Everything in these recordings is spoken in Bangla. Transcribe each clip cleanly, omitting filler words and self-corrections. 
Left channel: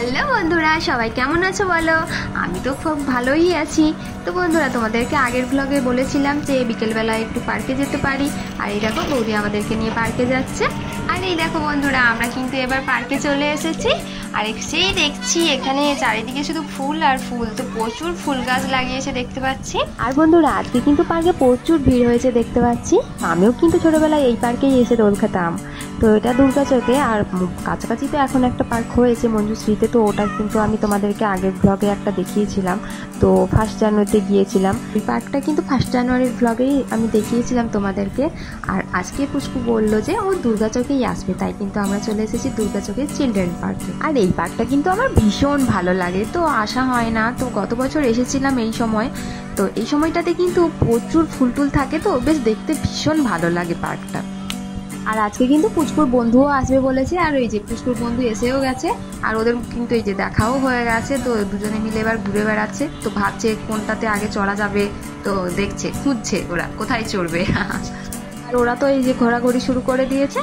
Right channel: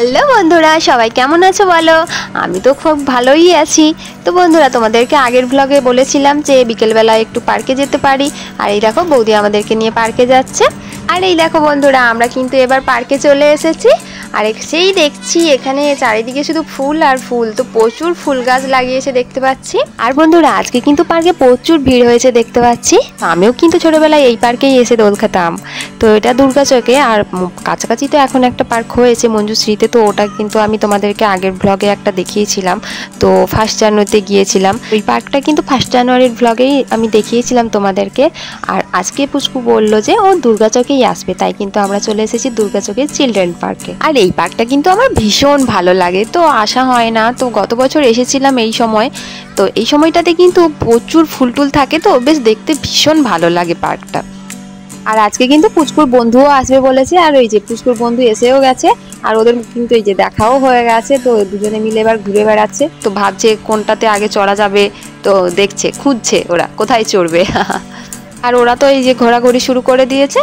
হ্যালো বন্ধুরা, সবাই কেমন আছো বলো? আমি তো খুব ভালোই আছি। তো বন্ধুরা, তোমাদেরকে আগের ব্লগে বলেছিলাম যে বিকেলবেলা একটু পার্কে যেতে পারি। আর এই দেখো বৌদি আমাদেরকে নিয়ে পার্কে যাচ্ছে। আর এই দেখো বন্ধুরা, আমরা কিন্তু এবার পার্কে চলে এসেছি। আর সেই দেখছি এখানে চারিদিকে শুধু ফুল আর ফুল, তো প্রচুর ফুল গাছ লাগিয়েছে দেখতে পাচ্ছি। আর বন্ধুরা, আজকে কিন্তু পার্কে প্রচুর ভিড় হয়েছে দেখতে পাচ্ছি। আমিও কিন্তু ছোটবেলায় এই পার্কেই এসে দোল খেতাম। তো এটা দুর্গাচকে, আর কাছাকাছি তো এখন একটা পার্ক হয়েছে মঞ্জুশ্রীতে, তো ওটা কিন্তু আমি তোমাদেরকে আগের ব্লগে একটা দেখিয়েছিলাম। তো 1 জানুয়ারিতে গিয়েছিলাম। ওই পার্কটা কিন্তু 1 জানুয়ারির ব্লগেই আমি দেখিয়েছিলাম তোমাদেরকে। আর আজকে পুষ্পু বললো যে ও দুর্গাচকেই আসবে, তাই কিন্তু আমরা চলে এসেছি দুর্গাচকের চিলড্রেন পার্কে। আর এই পার্কটা কিন্তু আমার ভীষণ ভালো লাগে, তো আসা হয় না। তো গত বছর এসেছিলাম এই সময়। তো এই সময়টাতে কিন্তু প্রচুর ফুল টুল থাকে, তো বেশ দেখতে ভীষণ ভালো লাগে পার্কটা। আর আজকে কিন্তু পুচকুর বন্ধুও আসবে বলেছে, আর ওই যে পুচকুর বন্ধু এসেও গেছে। আর ওদের কিন্তু এই যে দেখাও হয়ে গেছে, তো দুজনে মিলে এবার ঘুরে বেড়াচ্ছে। তো ভাবছে কোনটাতে আগে চড়া যাবে, তো দেখছে, খুঁজছে ওরা কোথায় চড়বে। আর ওরা তো এই যে ঘোরাঘুরি শুরু করে দিয়েছে।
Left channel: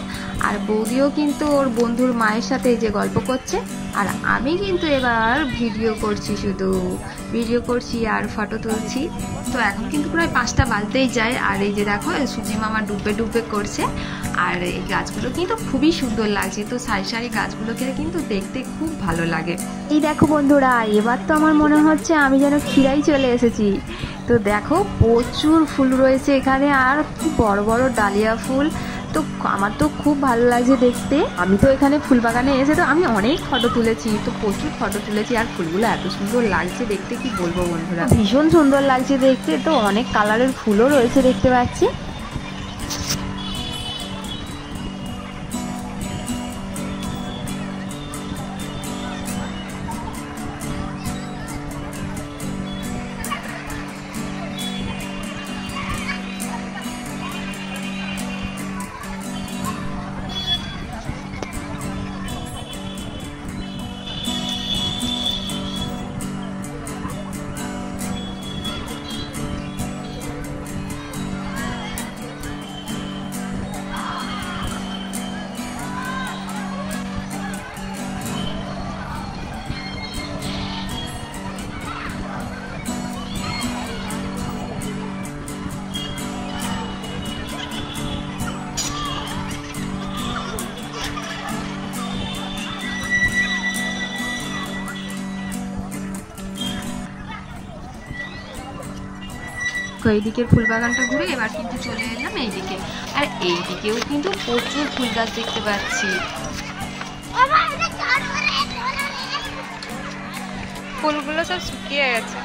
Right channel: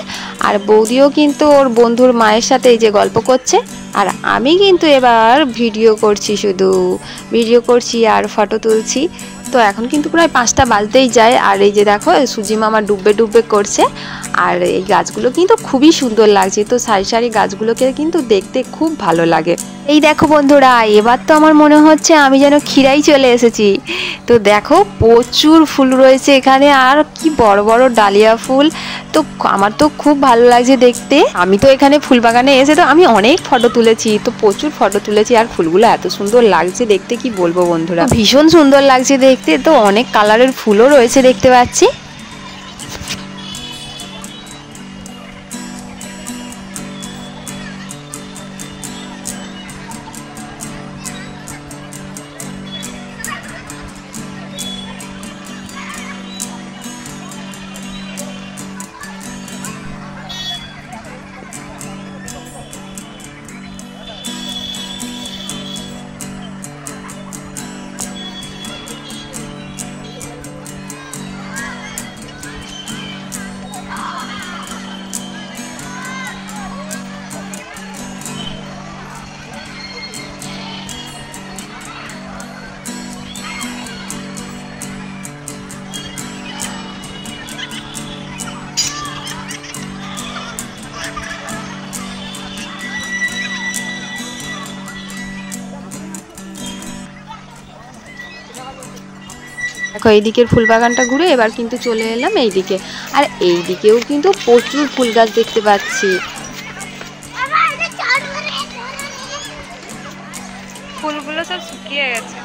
আর বৌদিও কিন্তু ওর বন্ধুর মায়ের সাথে এই যে গল্প করছে। আর আমি কিন্তু এবার ভিডিও করছি, শুধু ভিডিও করছি আর ফটো তুলছি। তো এখন কিন্তু প্রায় 5টা বাজতেই যায়। আর এই যে দেখো সুজি মামা ডুববে ডুববে করছে। আর এই গাছগুলো কিন্তু খুবই সুন্দর লাগছে, তো সারি সারি গাছগুলোকে কিন্তু দেখতে খুব ভালো লাগে। এই দেখো বন্ধুরা, এবার তো আমার মনে হচ্ছে আমি যেন ক্ষীরাই চলে এসেছি। তো দেখো প্রচুর ফুল রয়েছে এখানে, আর কি বড় বড় ডালিয়া ফুল। তো আমার তো খুব ভালো লাগছে দেখতে। আমি তো এখানে ফুল বাগানে এসে তো আমি অনেক ফটো তুলেছি, তো প্রচুর ফটো তুলেছি। আর ফুলগুলো এত সুন্দর লাগছে দেখতে, কি বলবো বন্ধুরা, ভীষণ সুন্দর লাগছে দেখতে। তো অনেক কালারের ফুলও রয়েছে দেখতে পাচ্ছি। দেখো এইদিকের ফুল বাগানটা ঘুরে এবার কিন্তু চলে এলাম এইদিকে। আর এইদিকেও কিন্তু প্রচুর ফুল গাছ দেখতে পাচ্ছি। ফুলগুলো সব শুকিয়ে গেছে।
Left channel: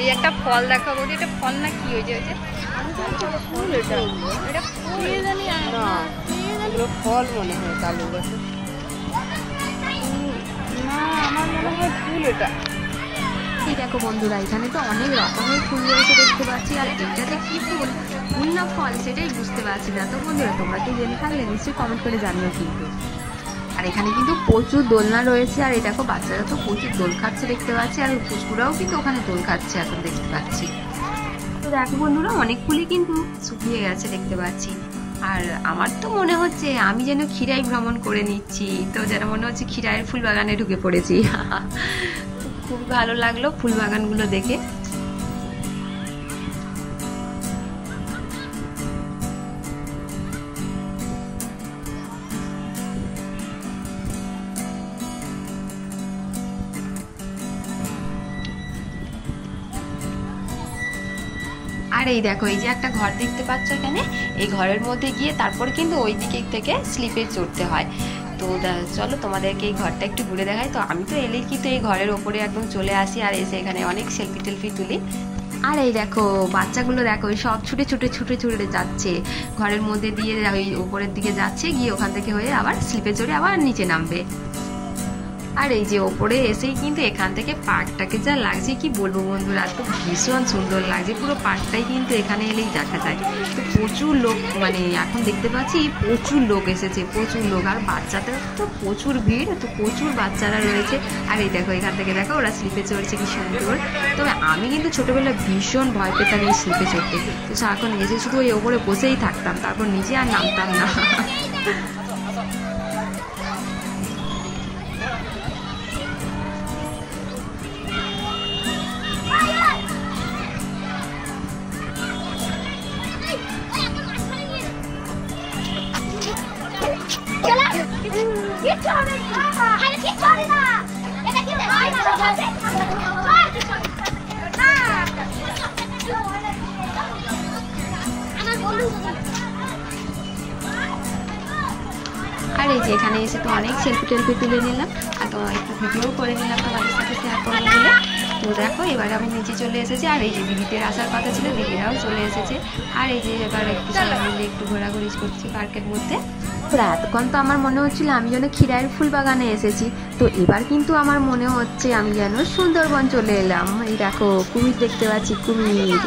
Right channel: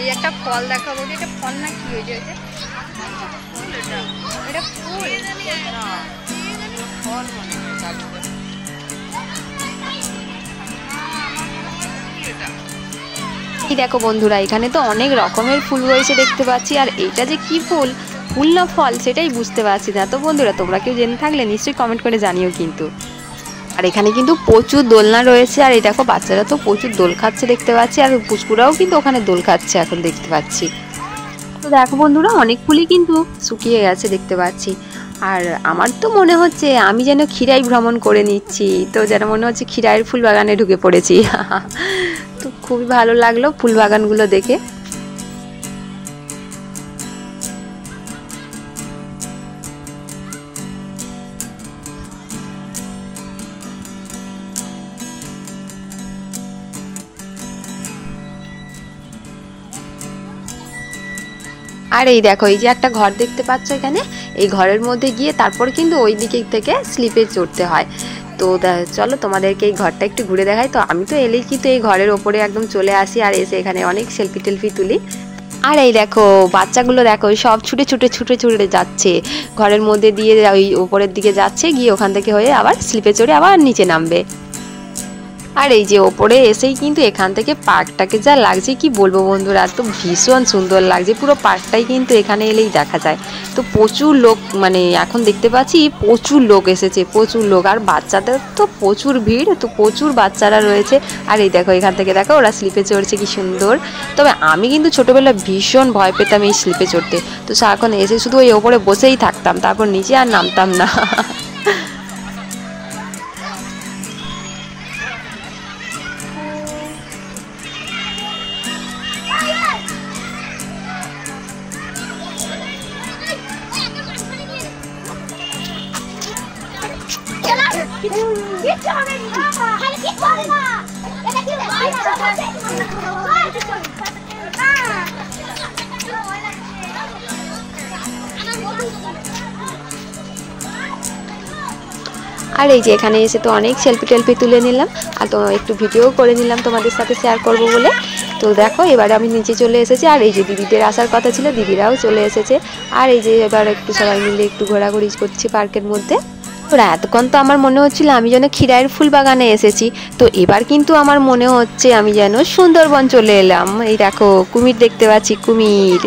এই একটা ফল দেখাবো, এটা ফল না কি হয়েছে? ফুল, এটা ফুল। এই দেখো বন্ধুরা, এখানে তো অনেক রকমের ফুল রয়েছে দেখতে পাচ্ছি। আর এটা যে কি ফুল, ফুল না ফল সেটাই বুঝতে পারছি না। তো বন্ধুরা, তোমরা কেউ জেনে থাকলে নিশ্চয়ই কমেন্ট করে জানিও কিন্তু। আর এখানে কিন্তু প্রচুর দোলনা রয়েছে। আর এই দেখো বাচ্চারা তো প্রচুর দোল খাচ্ছে দেখতে পাচ্ছি। আর পুষ্কুরাও কিন্তু ওখানে দোল খাচ্ছে এখন দেখতে পাচ্ছি। তো দেখো বন্ধুরা, অনেক ফুলই কিন্তু শুকিয়ে গেছে দেখতে পাচ্ছি। আর আমার তো মনে হচ্ছে আমি যেন ক্ষীরাই ভ্রমণ করে নিচ্ছি, তো যেন মনে হচ্ছে ক্ষীরাইয়ের ফুল বাগানে ঢুকে পড়েছি। তো খুবই ভালো লাগলো ফুল বাগানগুলো দেখে। আর এই দেখো এই যে একটা ঘর দেখতে পাচ্ছ এখানে, এই ঘরের মধ্যে গিয়ে তারপর কিন্তু ওই দিকে থেকে স্লিপে চড়তে হয়। তো চলো তোমাদেরকে এই ঘরটা একটু ঘুরে দেখাই। তো আমি তো এলেই কিন্তু এই ঘরের ওপরে একদম চলে আসি আর এসে এখানে অনেক সেলফি টেলফি তুলি। আর এই দেখো বাচ্চাগুলো দেখো সব ছুটে ছুটে ছুটে ছুটে যাচ্ছে ঘরের মধ্যে দিয়ে, ওই উপরের দিকে যাচ্ছে, গিয়ে ওখান থেকে হয়ে আবার স্লিপে চড়ে আবার নিচে নামবে। আর এই যে ওপরে এসেই কিন্তু এখান থেকে পার্কটাকে যা লাগছে কি বলবো বন্ধুরা, তো ভীষণ সুন্দর লাগছে, পুরো পার্কটাই কিন্তু এখানে এলেই দেখা যায়। তো প্রচুর লোক, মানে এখন দেখতে পাচ্ছি প্রচুর লোক এসেছে, প্রচুর লোক, আর বাচ্চাদের তো প্রচুর ভিড়, তো প্রচুর বাচ্চারা রয়েছে। আর এই দেখো এখান থেকে দেখো ওরা স্লিপে চড়ছে কি সুন্দর। তবে আমি কিন্তু ছোটবেলায় ভীষণ ভয় পেতাম এই স্লিপে চড়তে, তো সারাক্ষণ এসে শুধু ওই ওপরে বসেই থাকতাম, তারপর নিচে আর নামতাম না। আর এই যে এখানে এসে তো অনেক সেলফি টেলফি তুলে নিলাম, আর তো একটু ভিডিও করে নিলাম তোমাদের সাথে শেয়ার করব বলে। তো দেখো এবারে আমি নিচে চলে এসেছি, আর এই যে দিদিদের আসার কথা ছিল, দিদিরাও চলে এসেছে। আর এই যে এবার একটু সবাই মিলে একটু ঘোরাঘুরি করছি পার্কের মধ্যে। ওরা এতক্ষণ তো আমার মনে হচ্ছিল আমি যেন খিরাইয়ের ফুল বাগানে এসেছি, তো এবার কিন্তু আমার মনে হচ্ছে আমি যেন সুন্দরবন চলে এলাম। এই দেখো কুমির দেখতে পাচ্ছি, কুমির।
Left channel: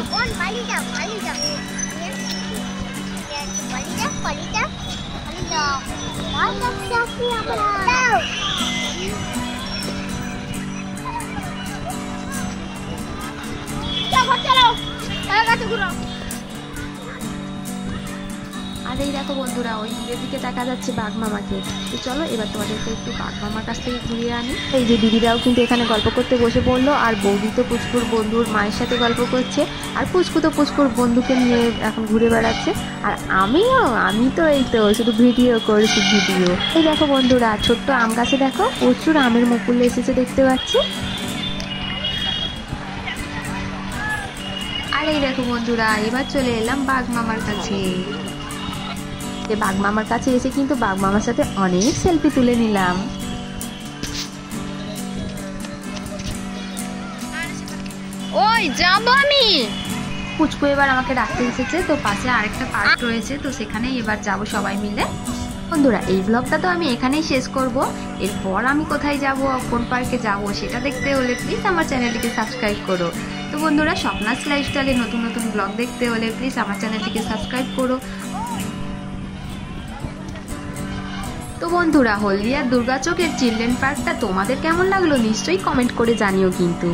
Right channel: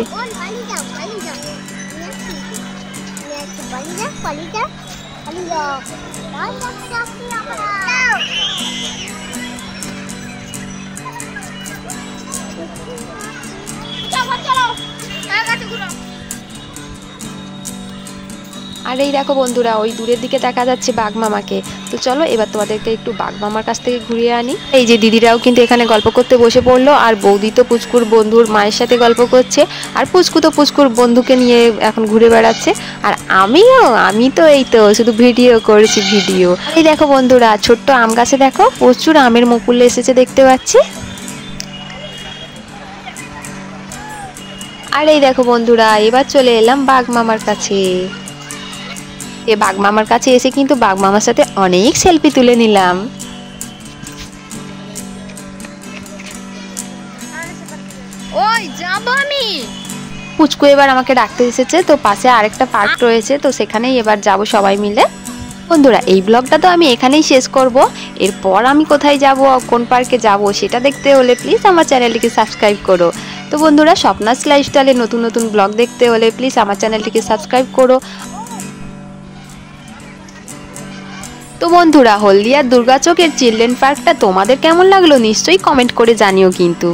আর এই দেখো বন্ধুরা ওই দূরের দিকে দেখা যাচ্ছে বাঘ মামাকে। তো চলো এবার তোমাদেরকে একটু বাঘ মামার কাছ থেকে ঘুরিয়ে আনি। এই যে দিদিরাও কিন্তু এখানে গল্প করতে বসে পড়লো, আর বৌদি তো পুচকুর বন্ধুর মায়ের সাথে গল্প করছে, আর পুচকু তো পুচকুর বন্ধুকে নিয়ে এখন ঘুরে বেড়াচ্ছে। আর আমি তো এই তো শুধু ভিডিও করছি, ভিডিও। এই দেখো বন্ধুরা ছোট্ট আম গাছে দেখো প্রচুর আমের মুকুল এসেছে দেখতে পাচ্ছি। আর এই দেখো বন্ধুরা এবার চলে এলাম বাঘ মামার কাছে। বাঘ মামার কাছে এসে কিন্তু বাঘ মামার সাথে অনেক সেলফি তুলে নিলাম। ওই যাব আমি। পুচকু এবার আমাকে ডাকতে এসেছে, তো পাশে আরেকটা পার্ক রয়েছে, তো সেখানেই এবার যাব সবাই মিলে। বন্ধুরা এই ব্লগটা তো আমি এখানেই শেষ করব। এরপর আমি কোথায় যাব, কোন পার্কে যাব সেটা দেখতে হলে প্লিজ আমার চ্যানেলটিকে সাবস্ক্রাইব করো। তো বন্ধুরা স্বপ্নাস লাইফস্টাইলে নতুন নতুন ব্লগ দেখতে হলে প্লিজ আমার চ্যানেলটিকে সাবস্ক্রাইব করো। তো বন্ধুরা হলদিয়ার দুর্গাচকের চিলড্রেন পার্কটা তোমাদের কেমন লাগলো নিশ্চয়ই কমেন্ট করে জানিও। কিন্তু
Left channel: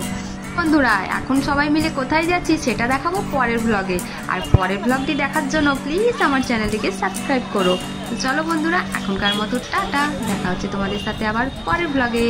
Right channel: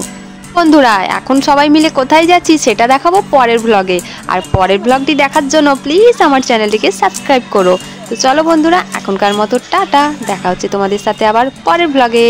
বন্ধুরা এখন সবাই মিলে কোথায় যাচ্ছি সেটা দেখাবো পরের ব্লগে, আর পরের ব্লগটি দেখার জন্য প্লিজ আমার চ্যানেলটিকে সাবস্ক্রাইব করো। তো চলো বন্ধুরা এখনকার মতো টাটা, দেখা হচ্ছে তোমাদের সাথে আবার পরের ব্লগে।